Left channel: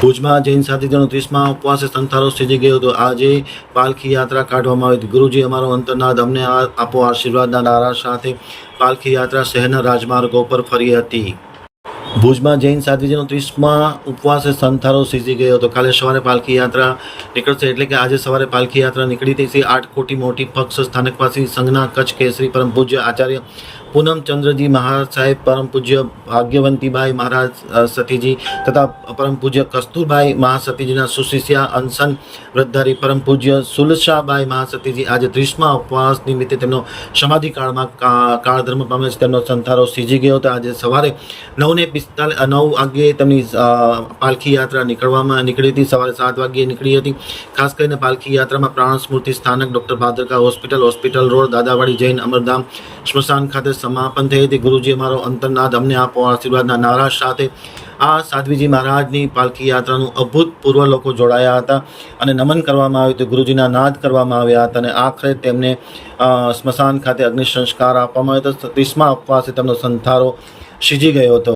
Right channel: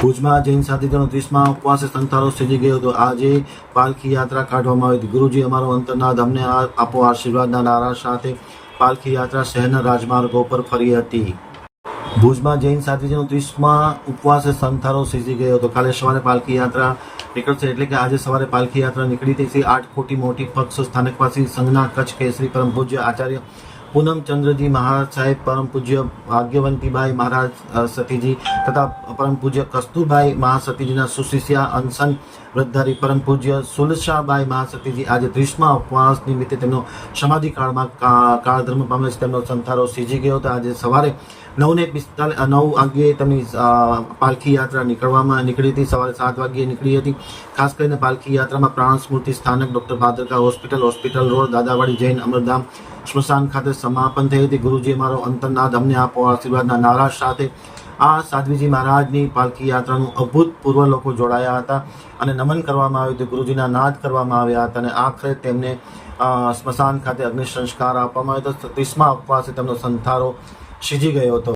ભુજમાં જૈન સાથીજનો ત્રીસમાં ઉપવાસે સંથારો સ્થિતિ ગયો હતો. આજે પાલખી યાત્રા કાઢવામાં આવી હતી. ગુરુજી અમારો અંતરનાદ અમને આપો આશીર્વાદના નારા સાથે પાલખી યાત્રા શહેરના રાજમાર્ગો પર ફરી હતી. ભુજમાં જૈન સાથીજીનો ત્રીસમાં ઉપવાસે સંથારો સીજી ગયો હતો. કાલે સવારે પાલખી યાત્રા નીકળશે એટલે કે આજે સવારે પાલખી યાત્રા નીકળી હતી. આઠ કોટી મોટી પક્ષ સ્થાનકવાસી સંજ્ઞા કચ્છ કેસરી પરમ પૂજ્ય આચાર્ય પૂનમચંદ્રજી મહારાજ સાહેબ, પરમ પૂજ્ય ભાગ્યવંતીભાઈ મહારાજ સતીજી તથા પરમ પૂજ્ય કસ્તુરભાઈ મહાસતીજીના સુશિષ્યા અનશન વ્રતધારી પરમ પૂજ્ય સુલશાભાઈ મહાસતીજી. આજે ત્રીસમા ઉપવાસ નિમિત્તે તેમનો સમાધિ કાળમાં કા- કાળધર્મ પામે છે. તેમનો સંથારો સીજી ગયો હતો. આજે સવારે નવને પિસ્તાલીસ નવ વાગ્યે તેમની પાલખી યાત્રા નીકળવામાં નીકળી હતી. સવારે સાત વાગ્યે નીકળી હતી. ખાસ કરીને પાલખી યાત્રામાં પ્રાણ સ્મૃતિ સ્થાનક doctor Bhadarka hospital hospital road, Dadawadi Jain Amardham સ્મશાન ખાતે સમાપન થઈ હતી. ગુરુજી અમારો અંતરનાદ અમને આપો, આશીર્વાદના નારા સાથે આ સાધ્વીજી મહારાજની પાલખી યાત્રાનું અભૂતપૂર્વ લોકો જોડાયા હતા અને નમન કરવામાં આવ્યું હતું. ગુરુજીના નાદ કરવામાં આવ્યા હતા અને આખરે તેમને સ્મશાન ખાતે અગ્નિ સંસ્કાર આપવામાં આવ્યો હતો. ત્રીસમા ઉપવાસે તેમનો સંથારો સીજી ગયો હતો.